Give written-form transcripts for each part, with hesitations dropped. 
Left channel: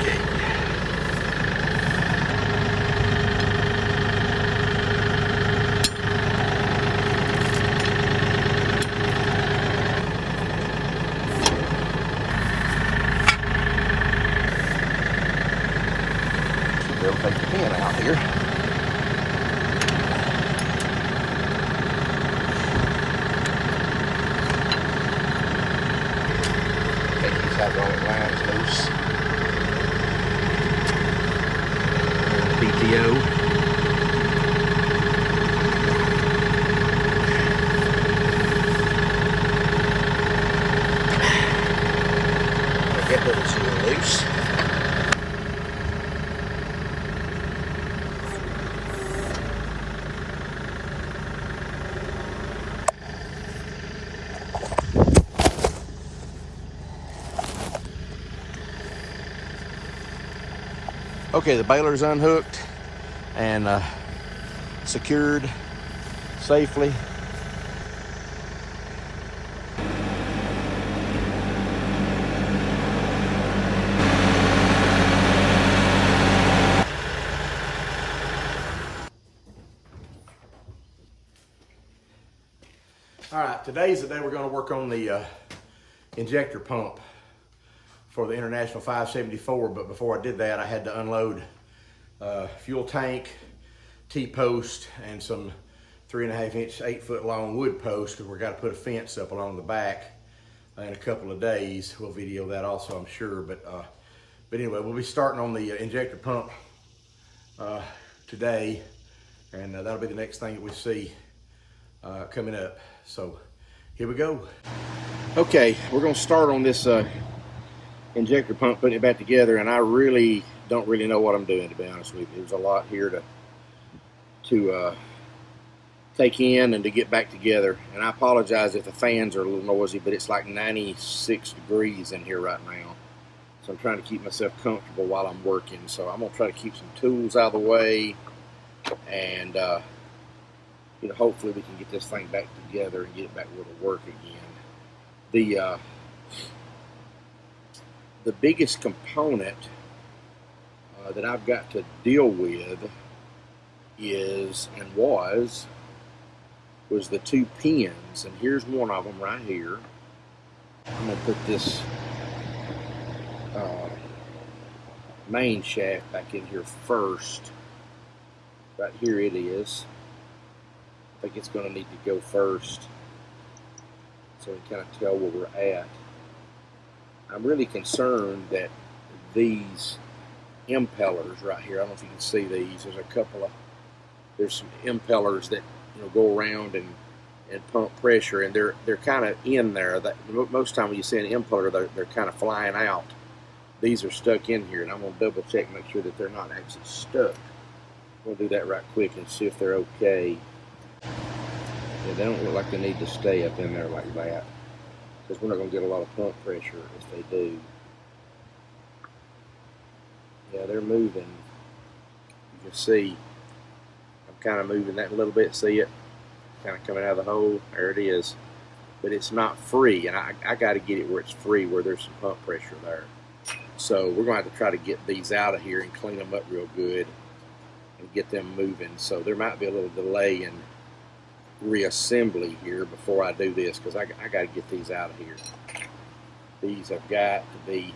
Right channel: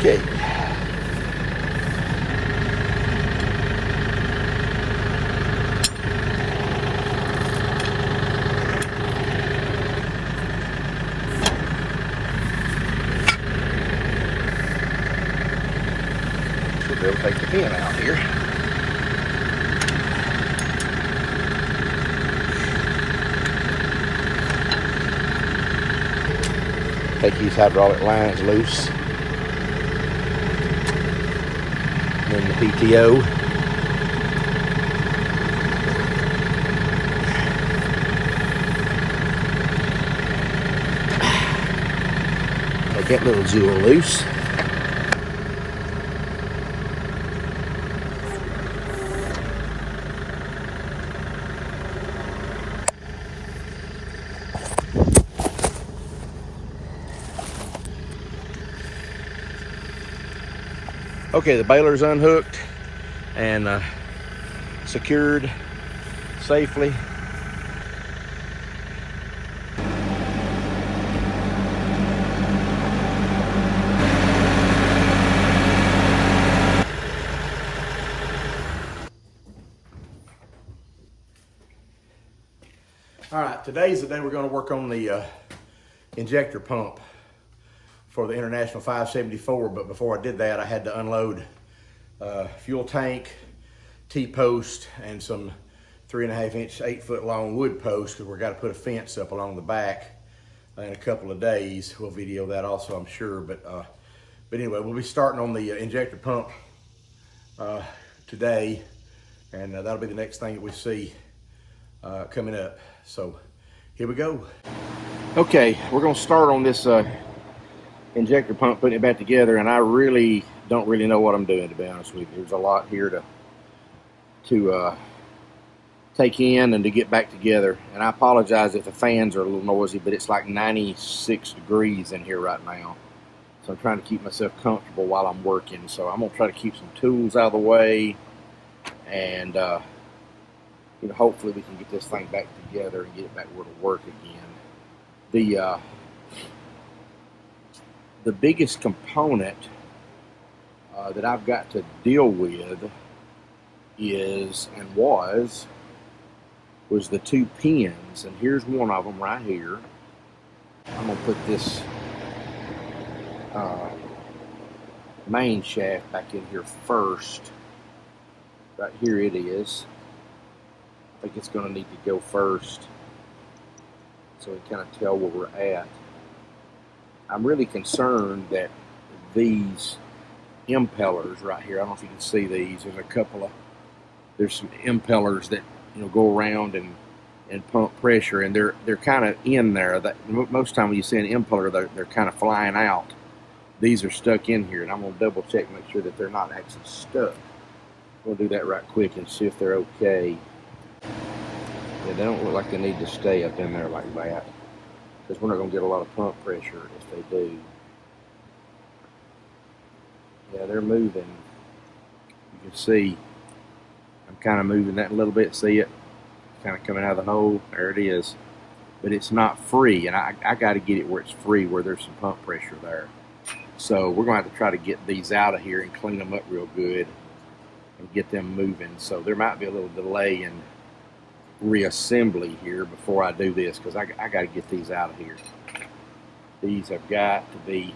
Okay. Should be able to take the pin out here. Take these hydraulic lines loose. And the PTO. Make that little jewel loose. Okay, the baler's unhooked and secured safely. All right, today's the day we're going to work on the injector pump for the International 574, but before I did that, I had to unload fuel tank, T-post, and some 3.5 inch, 8 foot long wood posts, because we're got to put a fence up along the back in a couple of days. We'll video that also, I'm sure, but anyway, we'll be starting on the injector pump today, and that'll be the next thing that we see coming up. So here we go. Okay, we're gonna start on this injector pump, putting it back together, and I really don't know what I'm doing, to be honest with you. There's a lot here to take in and to get back together, and I apologize if the fans are a little noisy, but it's like 96 degrees in here right now, so I'm trying to keep myself comfortable while I'm working. So I'm gonna try to keep some tools out of the way, and you know, hopefully we can get this thing back together and get it back where to work again. The biggest component that I've got to deal with is, and was the 2 pins, and here's one of them right here. I'm gonna put this main shaft back in here first. Right here it is. I think it's gonna need to go first, so we can kind of tell where we're at. I'm really concerned that these impellers right here, I don't know if you can see these, there's some impellers that, you know, go around and pump pressure, and they're kind of in there. That most time when you see an impeller, they're kind of flying out. These are stuck in here, and I'm gonna double check, make sure that they're not actually stuck. We'll do that right quick and see if they're okay. Yeah, they don't look like they need to stay up in there like that, because we're not going to get a lot of pump pressure if they do. Yeah, they're moving. You can see I'm kind of moving that a little bit. See it? Kind of coming out of the hole. There it is. But it's not free, and I got to get it where it's free, where there's some pump pressure there. So we're going to have to try to get these out of here and clean them up real good and get them moving. So there might be a little delay in reassembly here before I do this, because I got to get these out of here. These have got to be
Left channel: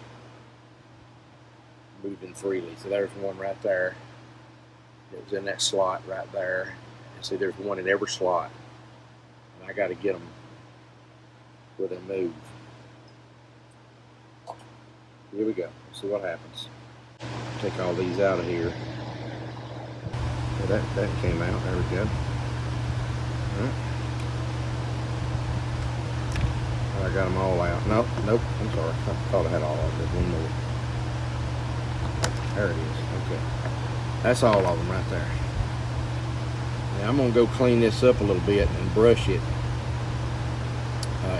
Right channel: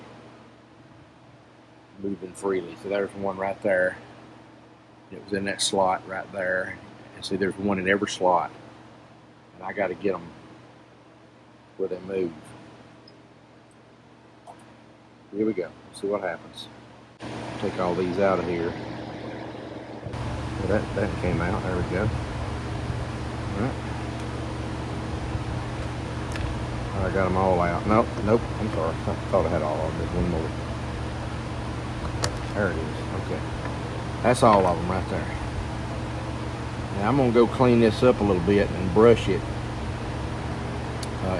moving freely. So there's one right there. It was in that slot right there. And see, there's one in every slot. And I got to get them where they move. Here we go. See what happens. Take all these out of here. Well, that came out. There we go. Right. I got them all out. Nope, I'm sorry. I thought I had all of them. There's one more. There it is. Okay. That's all of them right there. Now I'm going to go clean this up a little bit and brush it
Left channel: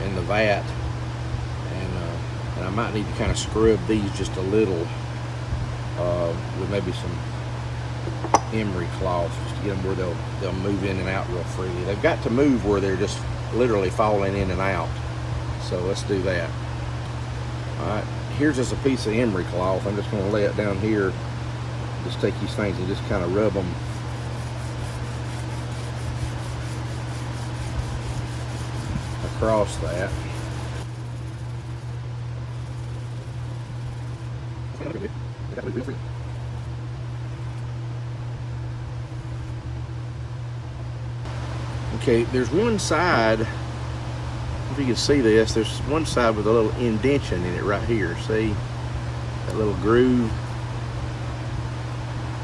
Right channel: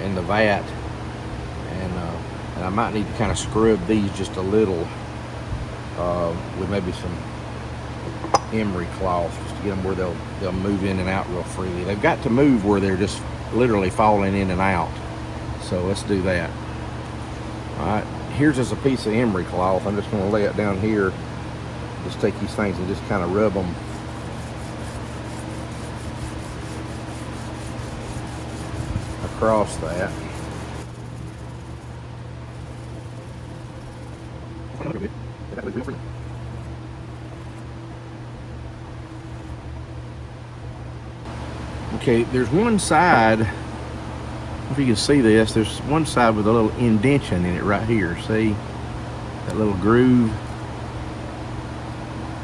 in the vat. And I might need to kind of scrub these just a little with maybe some emery cloth, just to get them where they'll move in and out real freely. They've got to move where they're just literally falling in and out. So let's do that. All right, here's just a piece of emery cloth. I'm just going to lay it down here. Just take these things and just kind of rub them across that. Okay, there's one side, if you can see this, there's one side with a little indentation in it right here. See that little groove?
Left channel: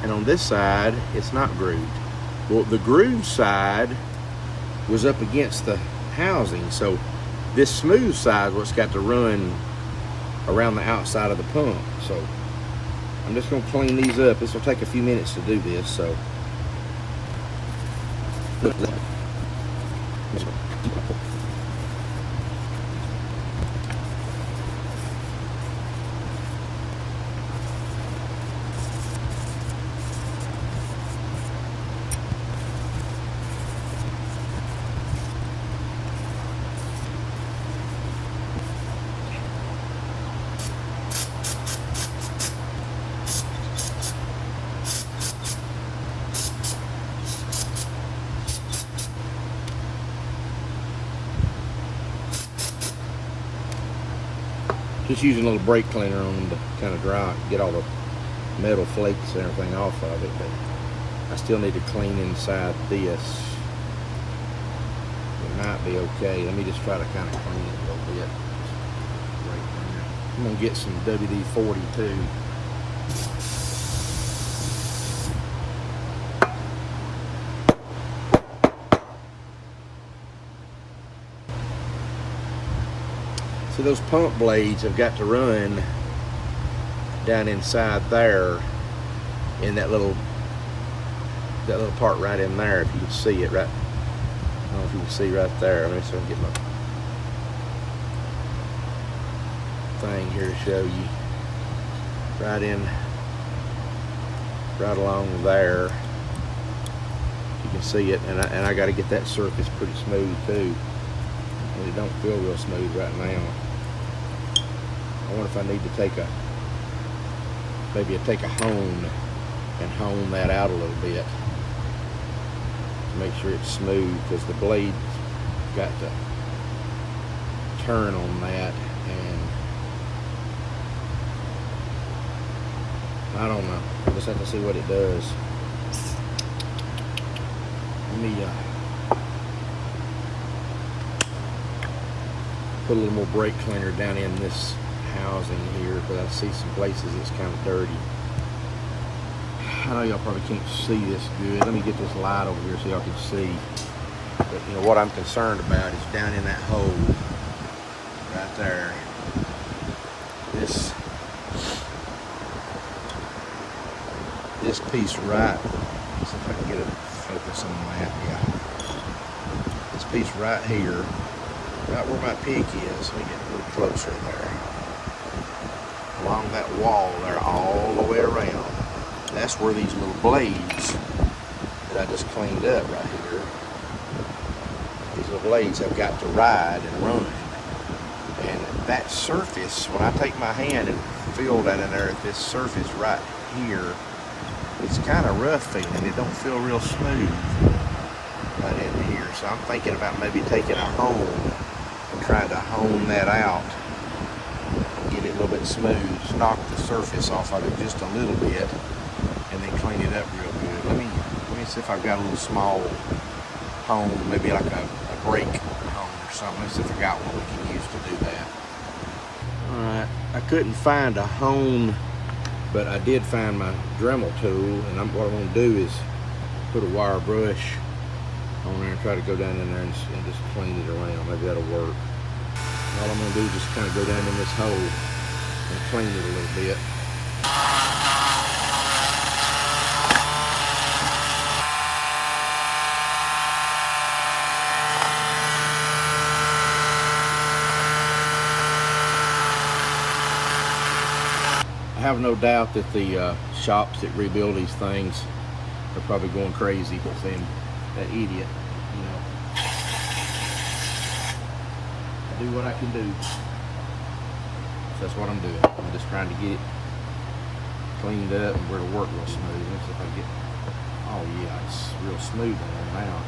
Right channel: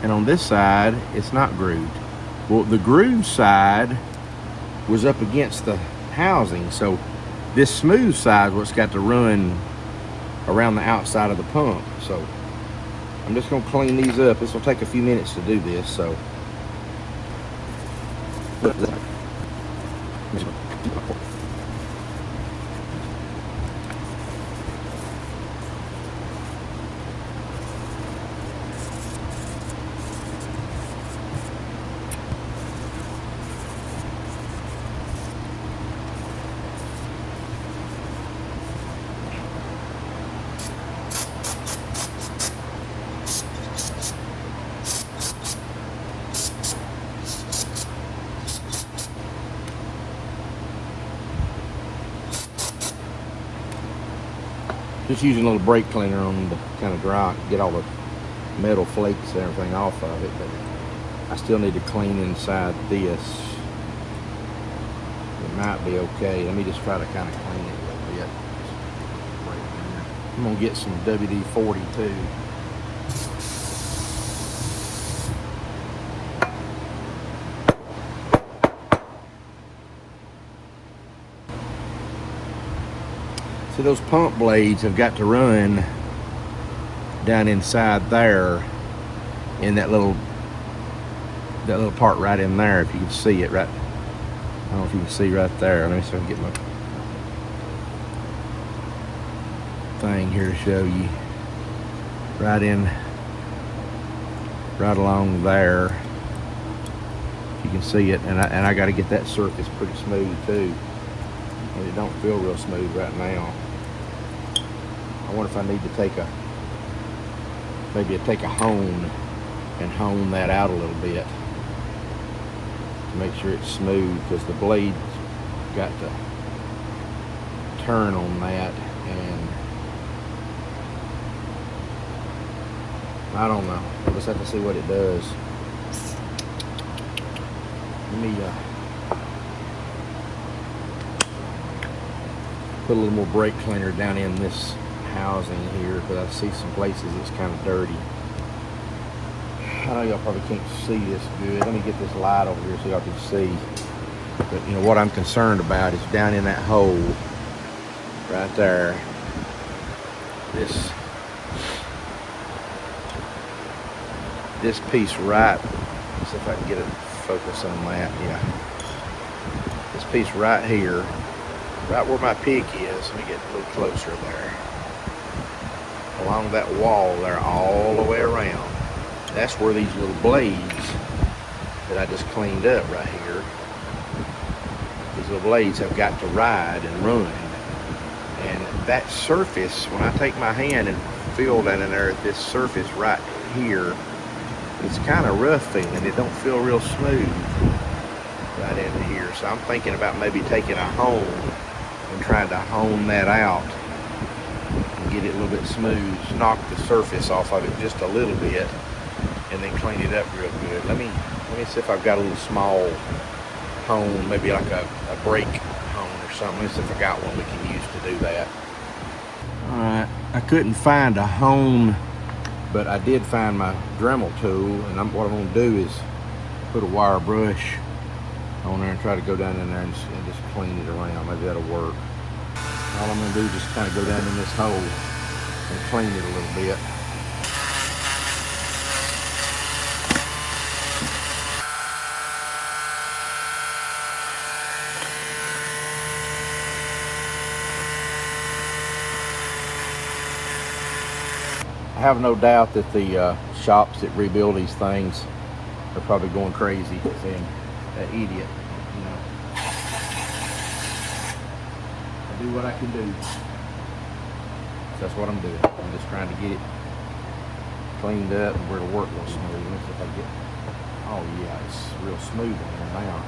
And on this side, it's not grooved. Well, the groove side was up against the housing, so this smooth side is what's got to run around the outside of the pump. So I'm just going to clean these up. This will take a few minutes to do this. So just using a little brake cleaner on them to kind of dry, get all the metal flakes and everything off of it. But I still need to clean inside this. It might be okay. Let me just try to kind of clean it a little bit. I'm gonna get some WD-40 too. See, those pump blades have got to run down inside there in that little part right in there, if you can see it right. I don't know if you can see right there. Let me see if I can get my thing here to show you. Right along there. You can see it, and I got to get that surface pretty smooth too. And it don't feel real smooth right now. I wonder if I need to take a hone and hone that out a little bit to make sure it's smooth, because the blade's got to turn on that, and I don't know. We'll just have to see what it does. Let me put a little more brake cleaner down in this housing here, because I see some places it's kind of dirty. I know y'all probably can't see this good. Let me get this light over here so y'all can see. But you know what I'm concerned about is down in that hole right there. This piece right. Let's see if I can get it focus on that. Yeah. This piece right here, right where my pick is. Let me get a little closer there. Along that wall there, all the way around. That's where these little blades that I just cleaned up right here, these little blades have got to ride and run. And that surface, when I take my hand and feel that in there, this surface right here, it's kind of rough feeling. It don't feel real smooth right in here. So I'm thinking about maybe taking a hone and trying to hone that out, get it a little bit smooth, knock the surface off of it just a little bit, and then clean it up real good. Let me see if I've got a little small hone, maybe like a brake hone or something. Let's see if I got one we can use to do that. Alright, I couldn't find a hone, but I did find my Dremel tool, and what I'm going to do is put a wire brush on there and try to go down in there and just clean it around. Maybe that'll work. All I'm going to do is just kind of go down in this hole and clean it a little bit. I have no doubt that the shops that rebuild these things are probably going crazy saying, that idiot, you know. I do what I can do. That's what I'm doing. I'm just trying to get it cleaned up and where to work real smooth. Let's see if I get, oh yeah, it's real smooth now.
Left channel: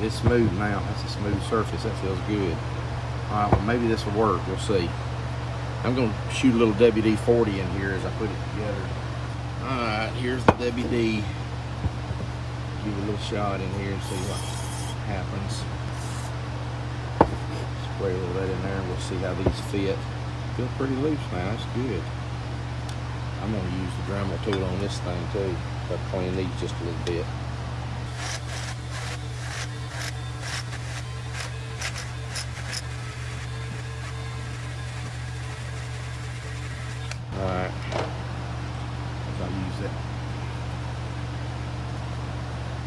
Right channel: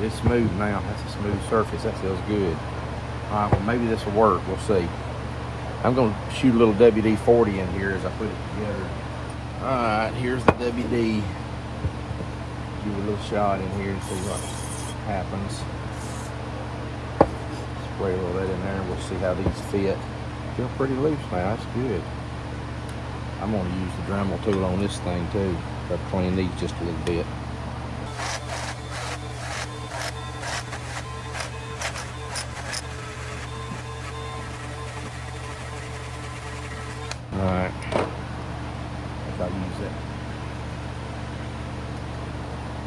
It's smooth now. That's a smooth surface. That feels good. All right, well maybe this will work. We'll see. I'm gonna shoot a little WD-40 in here as I put it together. All right, here's the WD. Give it a little shot in here and see what happens. Spray a little of that in there and we'll see how these fit. Feel pretty loose now, that's good. I'm going to use the Dremel tool on this thing too. But clean these just a little bit. Alright. If I use that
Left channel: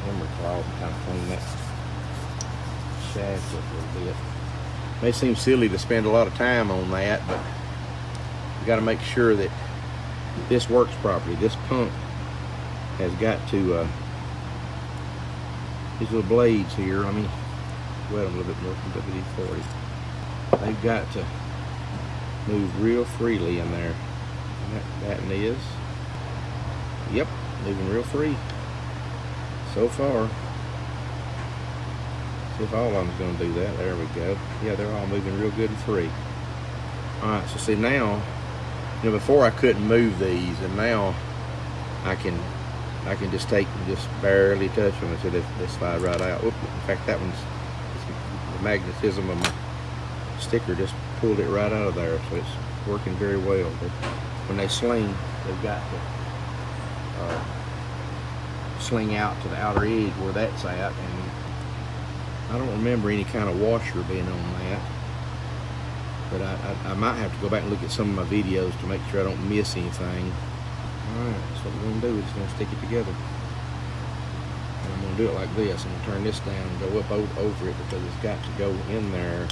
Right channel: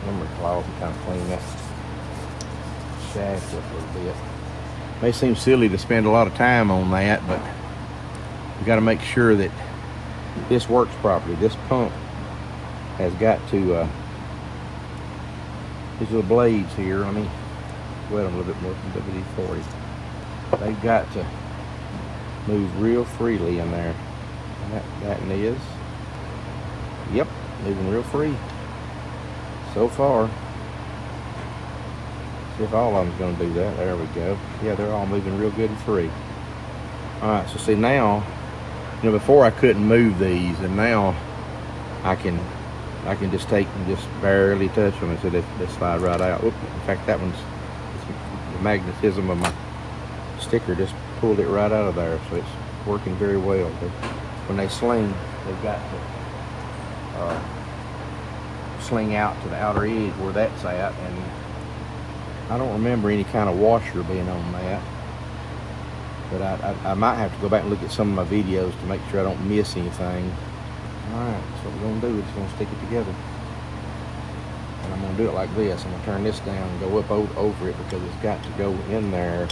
memory cloth and kind of clean that shaft up a little bit. May seem silly to spend a lot of time on that, but you got to make sure that this works properly. This pump has got to, these little blades here, let me wet them a little bit more from WD-40. They've got to move real freely in there. That is. Yep, moving real free. So far. See if all of them's going to do that. There we go. Yeah, they're all moving real good and free. Alright, so see now, you know, before I couldn't move these, and now I can just take and just barely touch them and see they slide right out. Oop, in fact, that one's, the magnetism of my sticker just pulled it right out of there, so it's working very well. But when they sling, they've got to sling out to the outer edge where that's at, and I don't remember any kind of washer being on that, but I might have to go back and look at some of my videos to make sure I don't miss anything. Alright, so what we're going to do is just going to stick it together. And I'm going to do it like this. I'm going to turn this down and go up over it because it's got to go in there.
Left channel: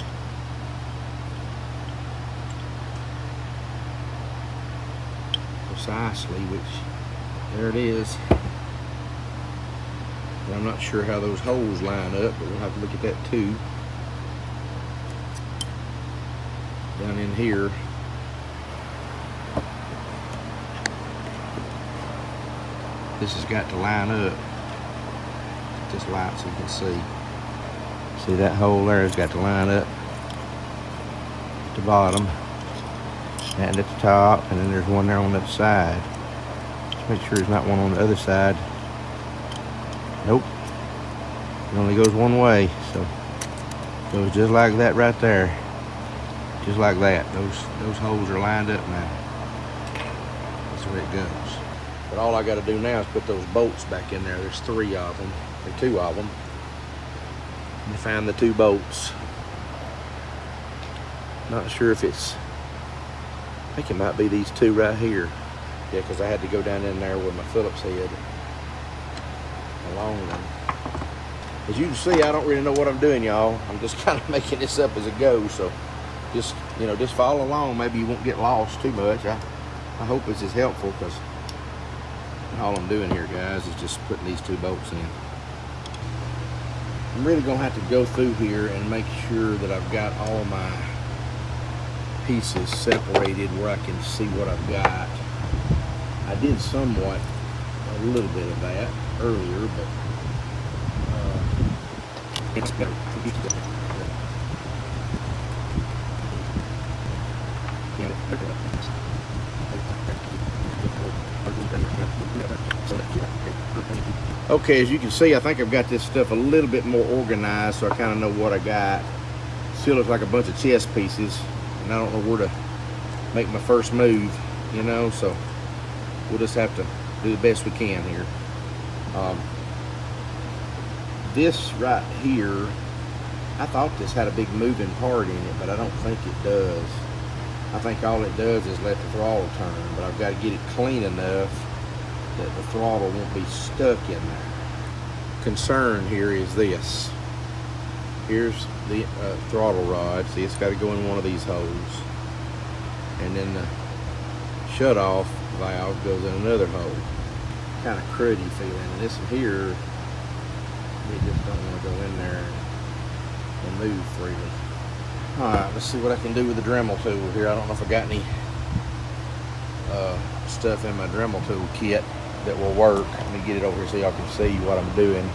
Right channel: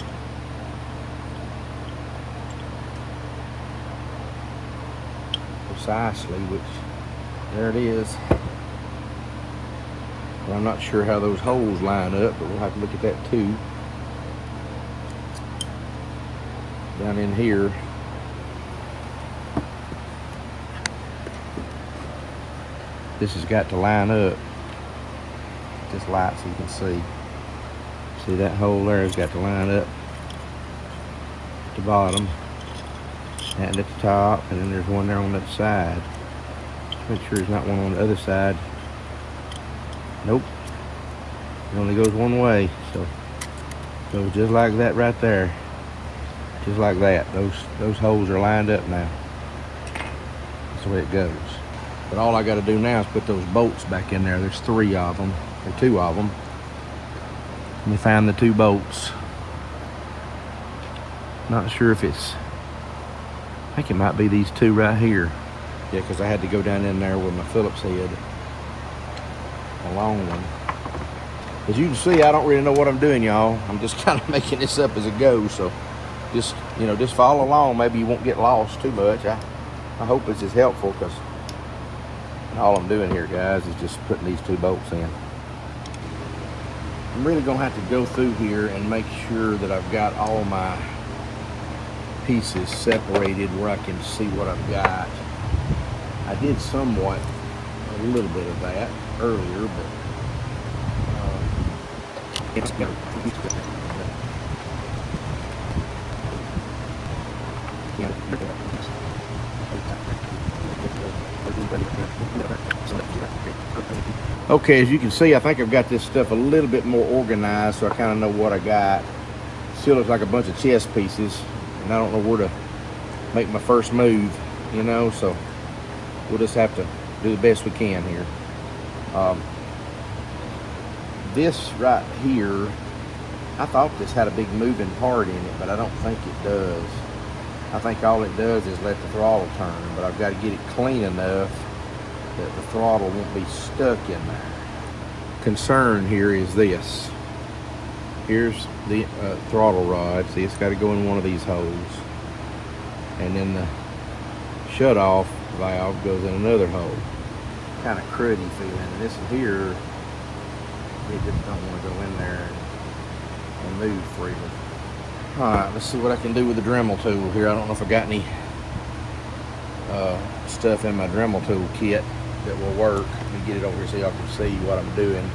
Precisely, which, there it is. And I'm not sure how those holes line up, but we'll have to look at that too. Down in here. This has got to line up. This light so you can see. See that hole there has got to line up at the bottom and at the top, and then there's one there on that side. Just make sure there's not one on the other side. Nope, it only goes one way, so it goes just like that right there, just like that. Those holes are lined up now. That's the way it goes. But all I got to do now is put those bolts back in there. There's 3 of them, or 2 of them. Let me find the 2 bolts. Not sure if it's, I think it might be these 2 right here. Yeah, because I had to go down in there with my Phillips head. Long one. As you can see, I don't really know what I'm doing, y'all. I'm just kind of making this up as it goes, so just, you know, just follow along. Maybe you won't get lost too much. I hope this is helpful, because all I'm doing here, guys, is just putting these 2 bolts in. I'm really gonna have to go through here and make sure that I've got all my pieces separated where I can see what I've got. I did somewhat, a little bit of that earlier, but okay, as you can see, I think I've got this stuff a little bit more organized, so I kind of know what I got. Still looks like a bunch of chess pieces, and I don't know where to make my first move, you know, so we'll just have to do the best we can here. This right here, I thought this had a big moving part in it, but I don't think it does. I think all it does is let the throttle turn, but I've got to get it clean enough that the throttle won't be stuck in there. Concern here is this. Here's the throttle rod. See, it's got to go in one of these holes. And then the shut-off valve goes in another hole. Kind of cruddy feeling. And this one here, it just don't want to go in there and move freely. Alright, let's see what I can do with the Dremel tool here. I don't know if I got any stuff in my Dremel tool kit that will work. Let me get it over here so y'all can see what I'm doing.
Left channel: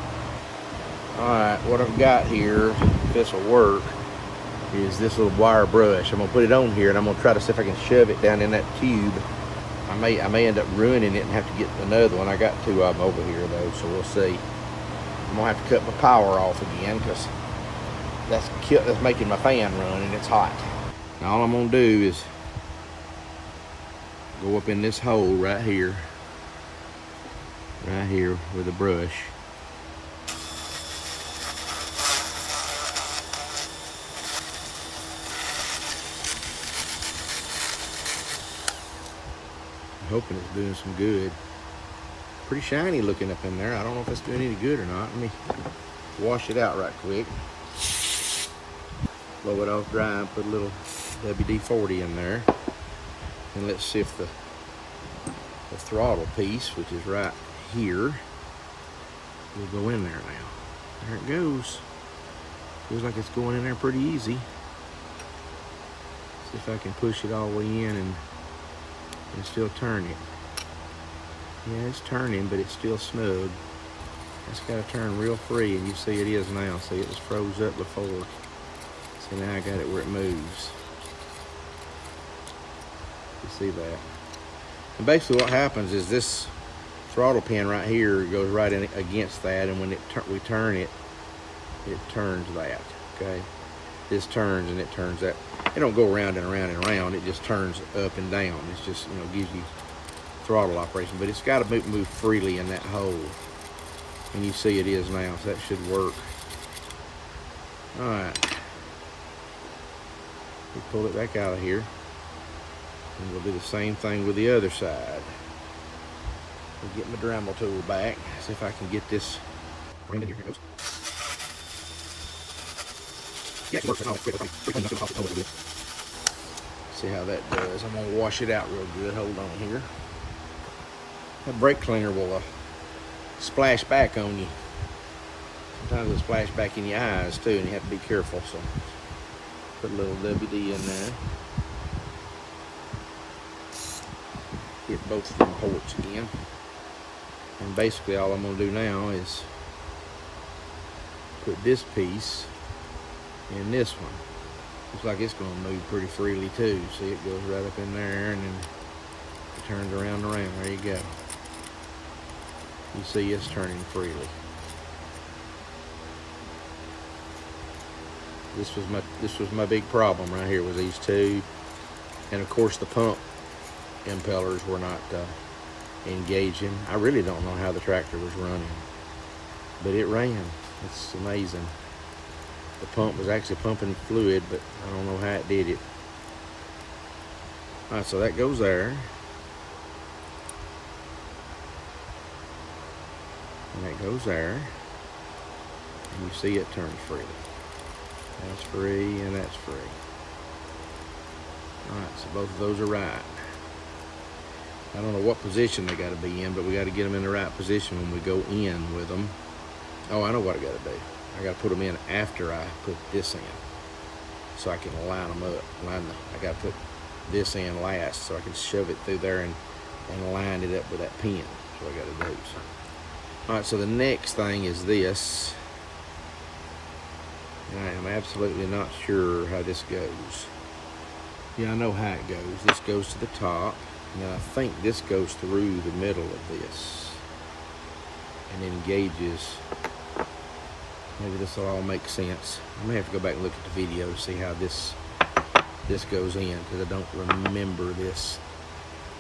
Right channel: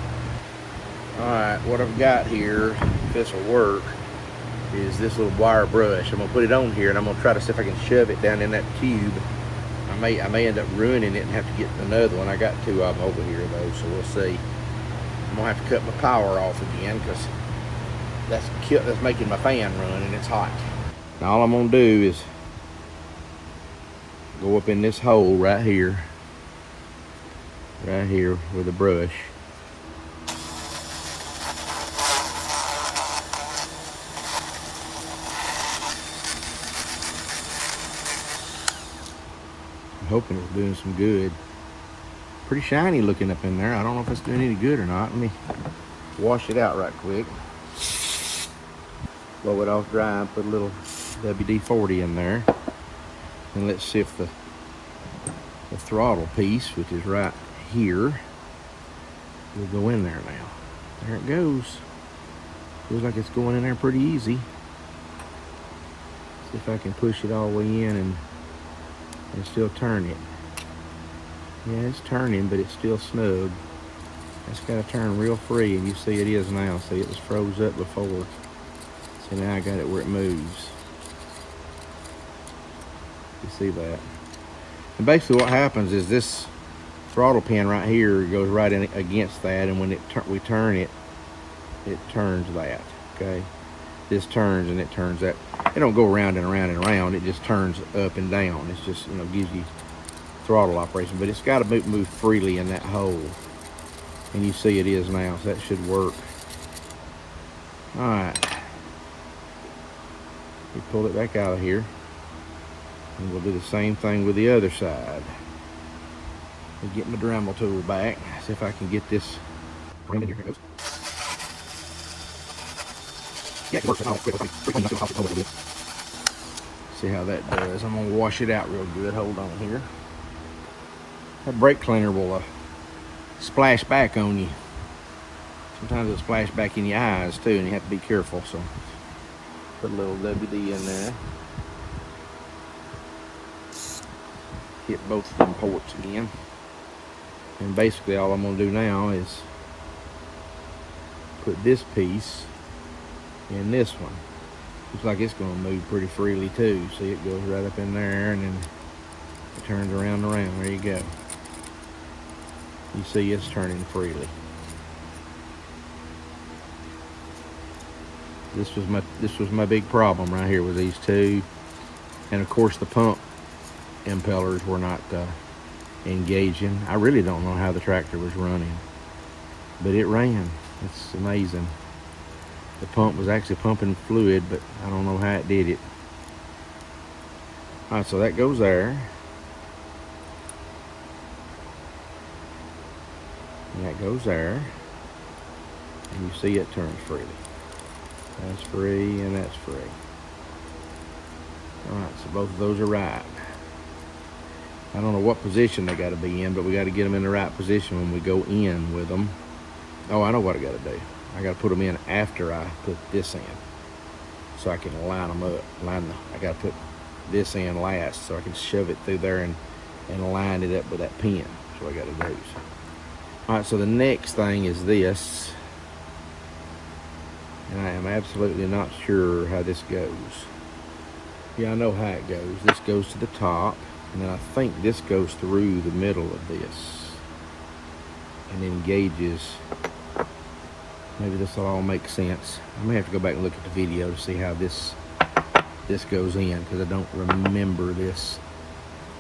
Alright, what I've got here, if this will work, is this little wire brush. I'm gonna put it on here and I'm gonna try to see if I can shove it down in that tube. I may end up ruining it and have to get another one. I got two of them over here though, so we'll see. I'm gonna have to cut my power off again because that's making my fan run and it's hot. Now all I'm gonna do is go up in this hole right here with a brush. I'm hoping it's doing some good. Pretty shiny looking up in there. I don't know if it's doing any good or not. Let me wash it out right quick. Blow it off dry and put a little WD-40 in there. And let's see if the throttle piece, which is right here, will go in there now. There it goes. Feels like it's going in there pretty easy. See if I can push it all the way in and still turn it. Yeah, it's turning, but it's still snug. It's got to turn real free, and you see it is now. See, it was froze up before. So now I got it where it moves. You see that? And basically what happens is this throttle pin right here goes right in against that, and when we turn it, it turns that, okay? This turns and it turns that. It don't go around and around and around. It just turns up and down. It's just, you know, gives you throttle operation, but it's got to move freely in that hole. And you see it is now, so that should work. All right. We pull it back out of here. And we'll do the same thing with the other side. I'll get my Dremel tool back. See if I can get this. Here it goes. Yeah, it works. See how that does. I'm gonna wash it out real good. Hold on here. That brake cleaner will splash back on you. Sometimes it'll splash back in your eyes too, and you have to be careful. So put a little WD in there. Hit both of them ports again. And basically all I'm gonna do now is put this piece in this one. Looks like it's gonna move pretty freely too. See, it goes right up in there and then it turns around and around. There you go. You see it's turning freely. This was my big problem right here with these two. And of course the pump impellers were not engaging. I really don't know how the tractor was running, but it ran. It's amazing. The pump was actually pumping fluid, but I don't know how it did it. All right, so that goes there. And that goes there. And you see it turns free. That's free and that's free. All right, so both of those are right. I don't know what position they got to be in, but we got to get them in the right position when we go in with them. Oh, I know what I got to do. I got to put them in after I put this in, so I can line them up. I got to put this in last, so I can shove it through there and line it up with that pin. That's what I got to do. All right, so the next thing is this. I am absolutely not sure how this goes. Yeah, I know how it goes. This goes to the top. Now I think this goes through the middle of this and engages. Maybe this will all make sense. I may have to go back and look at the video to see how this goes in, because I don't remember this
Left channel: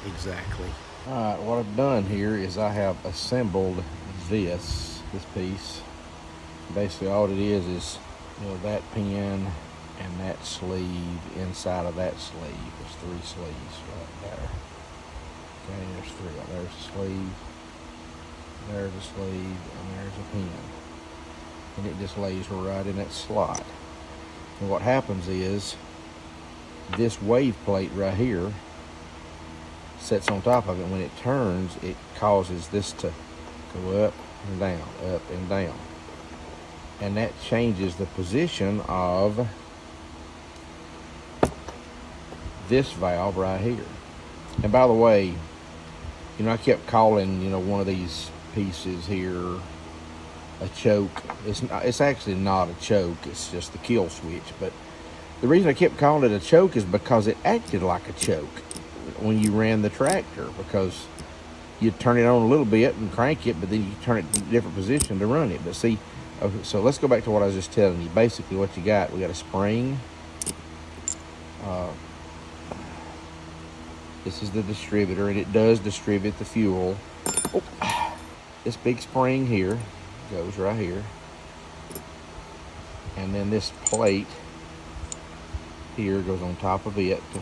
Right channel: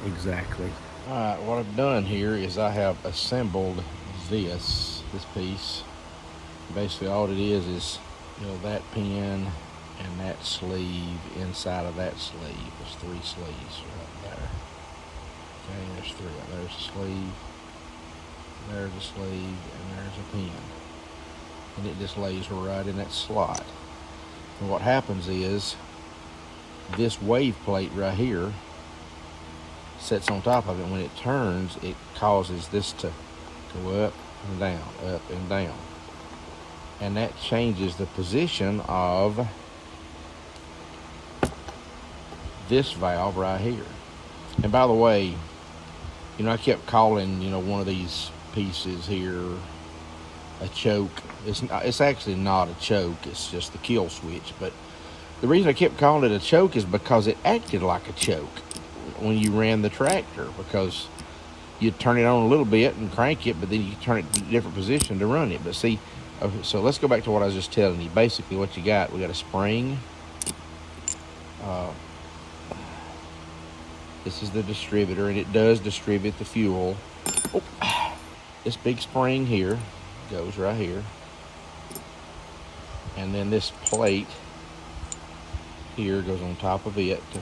exactly. All right, what I've done here is I have assembled this piece. Basically all it is that pin and that sleeve inside of that sleeve. There's 3 sleeves right there. Okay, there's 3. There's a sleeve, there's a sleeve, and there's a pin. And it just lays right in that slot. And what happens is this wave plate right here sits on top of it. When it turns, it causes this to go up and down, up and down. And that changes the position of this valve right here. And by the way, You know, I kept calling, you know, one of these pieces here a choke. It's actually not a choke. It's just the kill switch. But the reason I kept calling it a choke is because it acted like a choke when you ran the tractor, because you'd turn it on a little bit and crank it, but then you turn it to a different position to run it. But see, okay, so let's go back to what I was just telling you. Basically what you got, we got a spring. This is the distributor, and it does distribute the fuel. Oh, this big spring here goes right here. And then this plate here goes on top of it to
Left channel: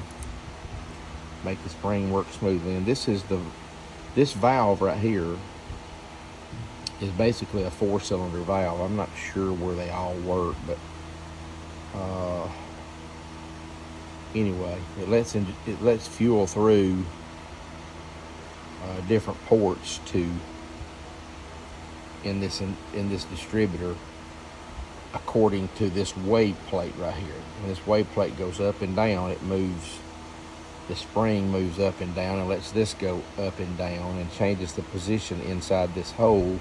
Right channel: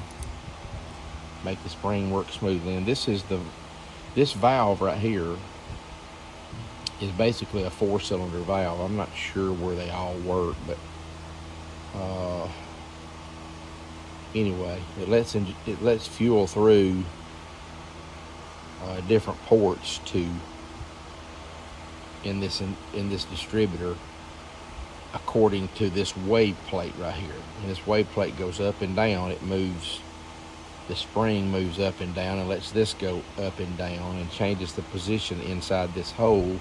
make the spring work smoothly. And this valve right here is basically a 4-cylinder valve. I'm not sure where they all work, but anyway, it lets fuel through different ports in this distributor, according to this wave plate right here. When this wave plate goes up and down, it moves. The spring moves up and down and lets this go up and down and changes the position inside this hole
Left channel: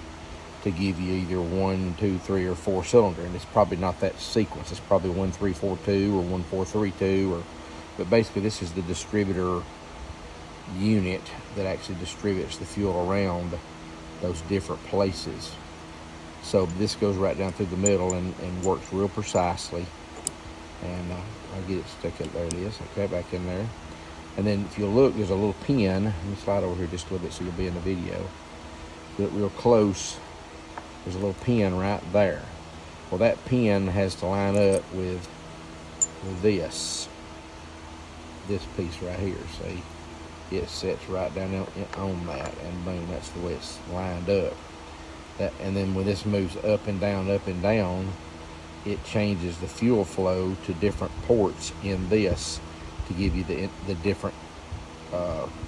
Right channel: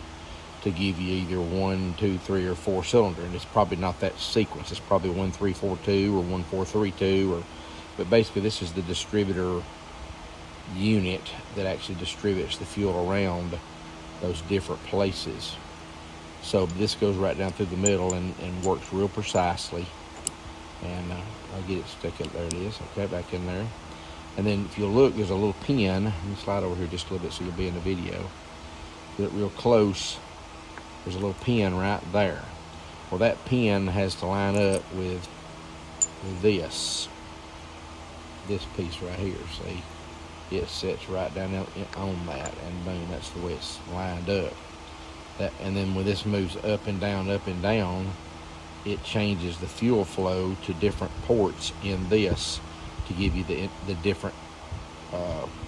to give you either 1, 2, 3, or 4 cylinder. And it's probably not that sequence. It's probably 1, 3, 4, 2 or 1, 4, 3, 2. But basically, this is the distributor unit that actually distributes the fuel around those different places. So this goes right down through the middle and works real precisely. And I'll get it stuck up. There it is. Okay, back in there. And then if you look, there's a little pin. Let me slide over here just a little bit so you'll be in the video. Get real close. There's a little pin right there. Well, that pin has to line up with this piece right here. See, it sets right down on that, and boom, that's the way it's lined up. And then when this moves up and down, it changes the fuel flow to different ports in this to give you the different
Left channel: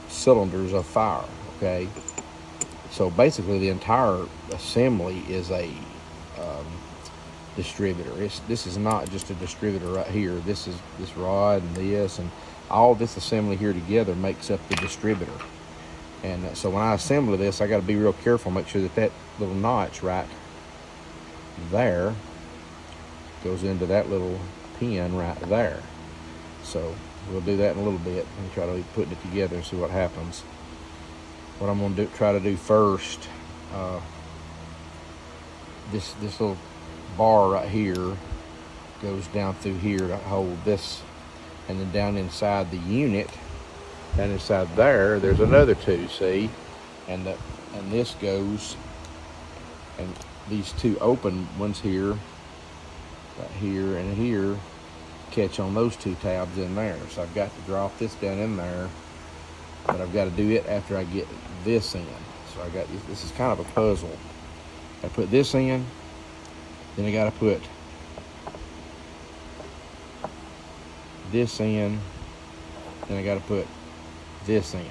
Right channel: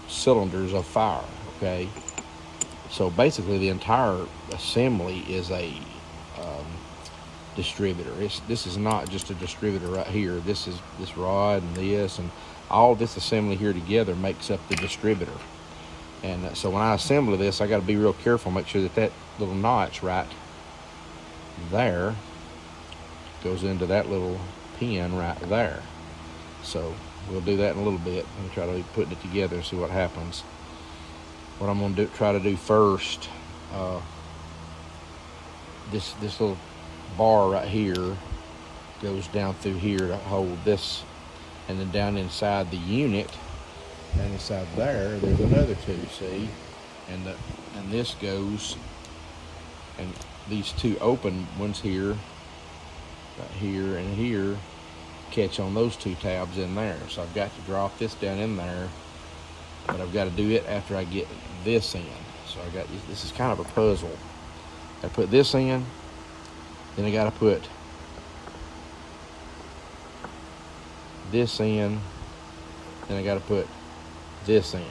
cylinders of fire. Okay, so basically the entire assembly is a distributor. This is not just a distributor right here. This rod and this and all this assembly here together makes up the distributor. And so when I assemble this, I got to be real careful, make sure that little notch right there goes into that little pin right there. So we'll do that in a little bit and try to be putting it together and see what happens. What I'm going to try to do first, this little bar right here goes down through here to hold this, and then down inside the unit, down inside there's another two, see, and this goes, and these two open ones here, right here and here, catch on those two tabs in there. So I've got to drop this down in there, but I've got to do it after I get this in. So this is kind of a puzzle. I put this in, then I got to put this in, then I got to put this in,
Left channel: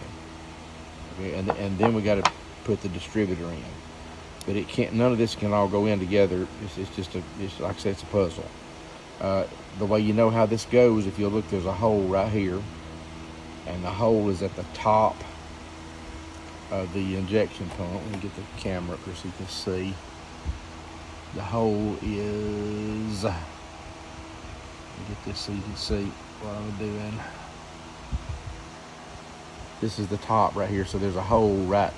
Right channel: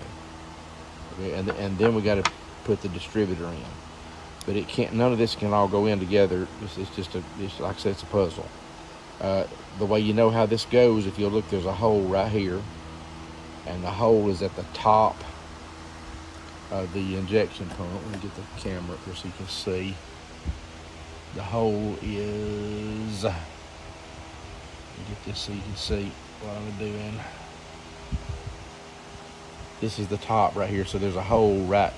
okay, and then we got to put the distributor in. But it can't. None of this can all go in together. It's like I said, it's a puzzle. The way you know how this goes, if you look, there's a hole right here, and the hole is at the top of the injection pump. Let me get the camera up here so you can see. The hole is, let me get this so you can see what I'm doing. This is the top right here, so there's a hole right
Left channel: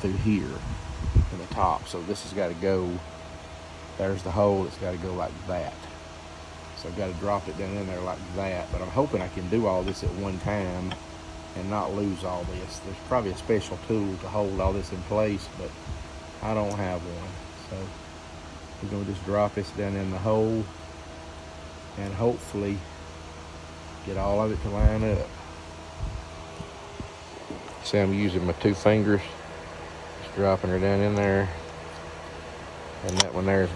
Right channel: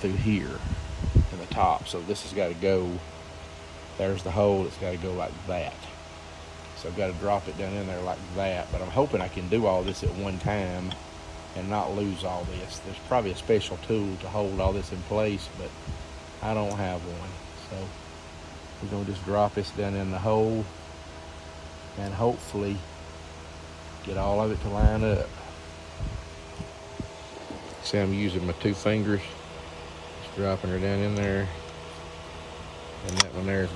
through here in the top. So this has got to go, there's the hole, it's got to go like that. So I've got to drop it down in there like that, but I'm hoping I can do all this at one time and not lose all this. There's probably a special tool to hold all this in place, but I don't have one. So we're going to just drop this down in the hole and hopefully get all of it to line up. See, I'm using my 2 fingers, just dropping her down in there, and that one there's,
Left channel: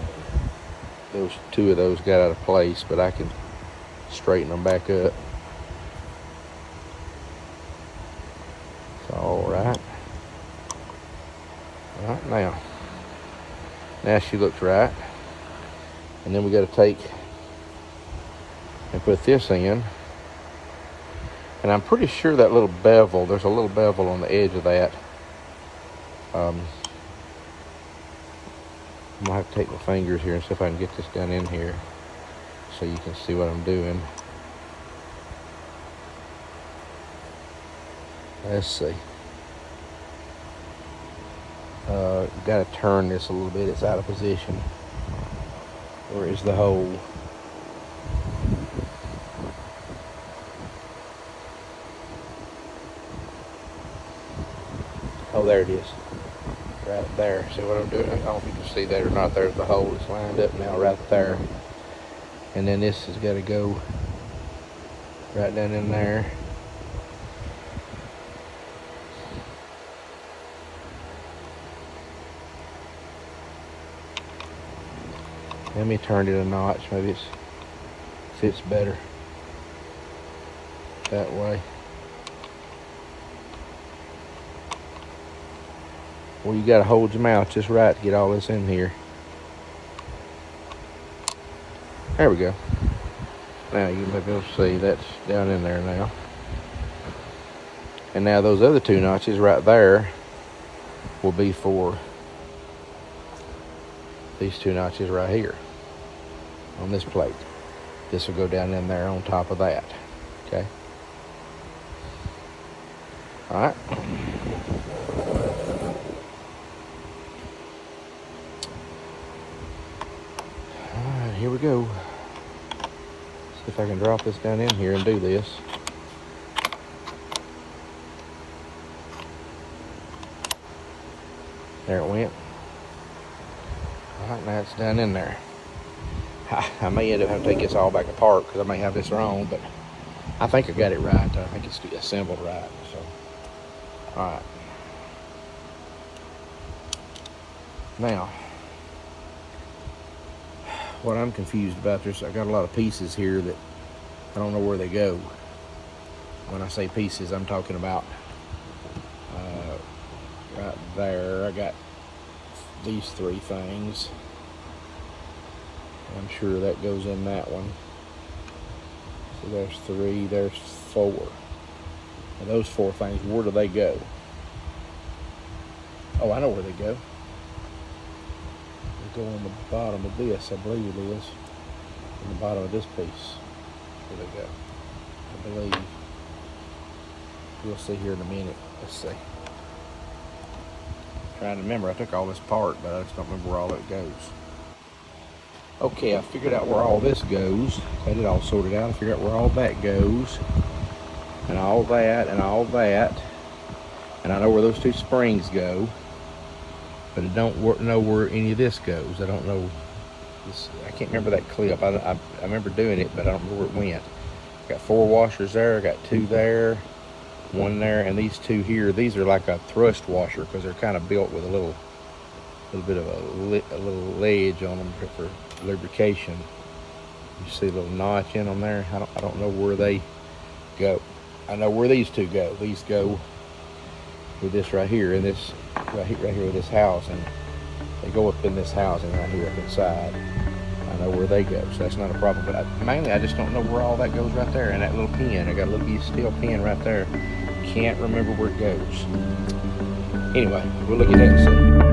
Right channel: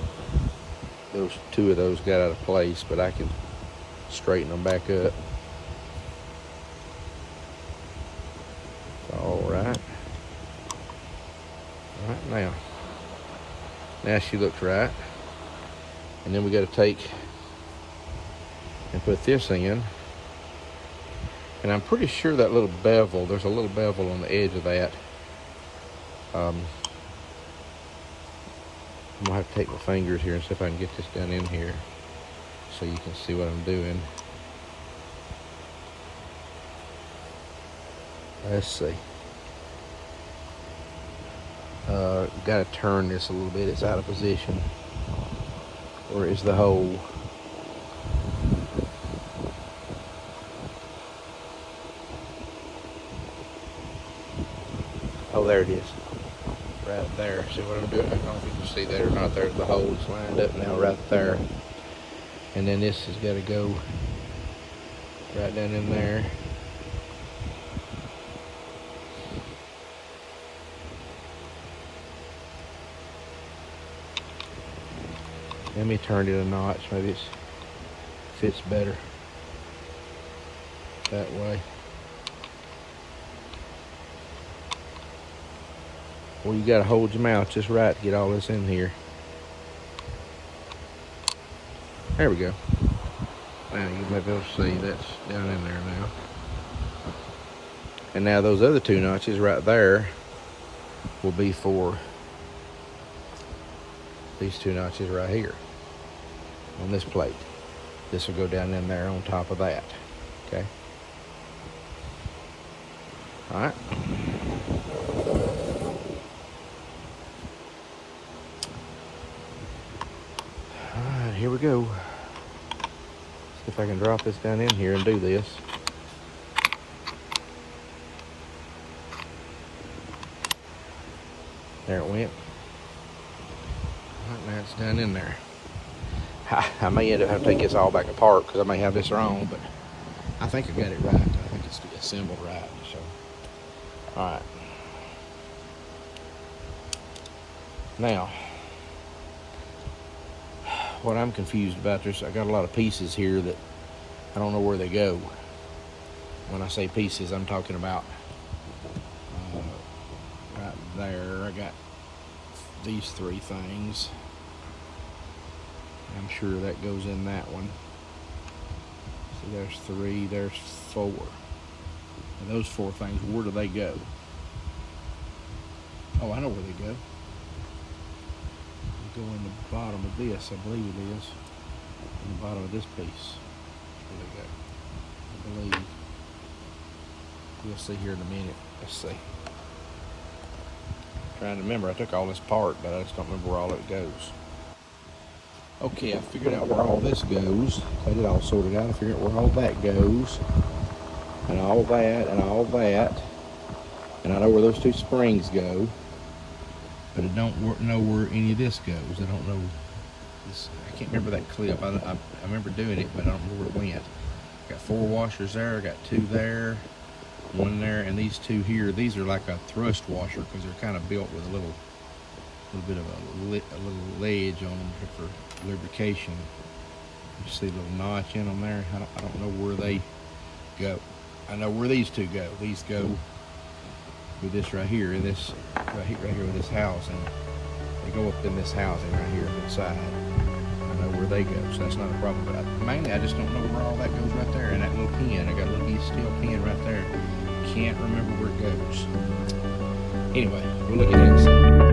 those 2 of those got out of place, but I can straighten them back up. It's all right. Right now she looks right, and then we got to take and put this in, And I'm pretty sure that little bevel, there's a little bevel on the edge of that. I'm gonna have to take my fingers here and see if I can get this down in here so you can see what I'm doing. Let's see. Got to turn this a little bit. It's out of position. Where is the hole? Oh, there it is. Right there. See what I'm doing? I don't know if you can see that or not. There's the hole that's lined up now right there. And then this has got to go right down in there. Let me turn it a notch. Maybe it fits better that way. Well, you got to hold your mouth just right to get all this in here. There we go. Now you may be able to see that's down in there now. And now those other two notches right there will be for these two notches right here on this plate. This will go down in there on top of that. Okay. All right. All right, here we go. See if I can drop this down in here and do this. There it went. All right, now it's down in there. I may end up having to take this all back apart because I may have this wrong, but I think I got it right. I think it's assembled right. So, all right. Now, what I'm confused about, I got a lot of pieces here that I don't know where they go. When I say pieces, I'm talking about right there. I got these three things. I'm sure that goes in that one. So there's three, there's four. And those four things, where do they go? Oh, I know where they go. They go on the bottom of this, I believe it is. On the bottom of this piece. That's where they go, I believe. We'll see here in a minute. Let's see. Trying to remember, I took all this apart, but I just don't remember where all it goes. Okay, I figured out where all this goes. Got it all sorted out. I figured out where all that goes. And all that, and all that. And I know where those two springs go. But I don't know where any of this goes. I don't know. I can't remember that clip. I remember doing it, but I don't remember where it went. I got 4 washers there. I got 2 there. 1 there. And these 2 here, these are like a thrust washer because they're kind of built with a little bit of a little ledge on them for lubrication. You see a little notch in them there. I don't know where they go. I know where these 2 go. These go with this right here, and this right here with this house, and they go up in this housing right here up inside. I know where they go, so that's not a problem. But mainly, I just don't know where all that goes right there. And that little pin, I got a little steel pin right there. Can't remember where it goes. Anyway, we'll look at that and see.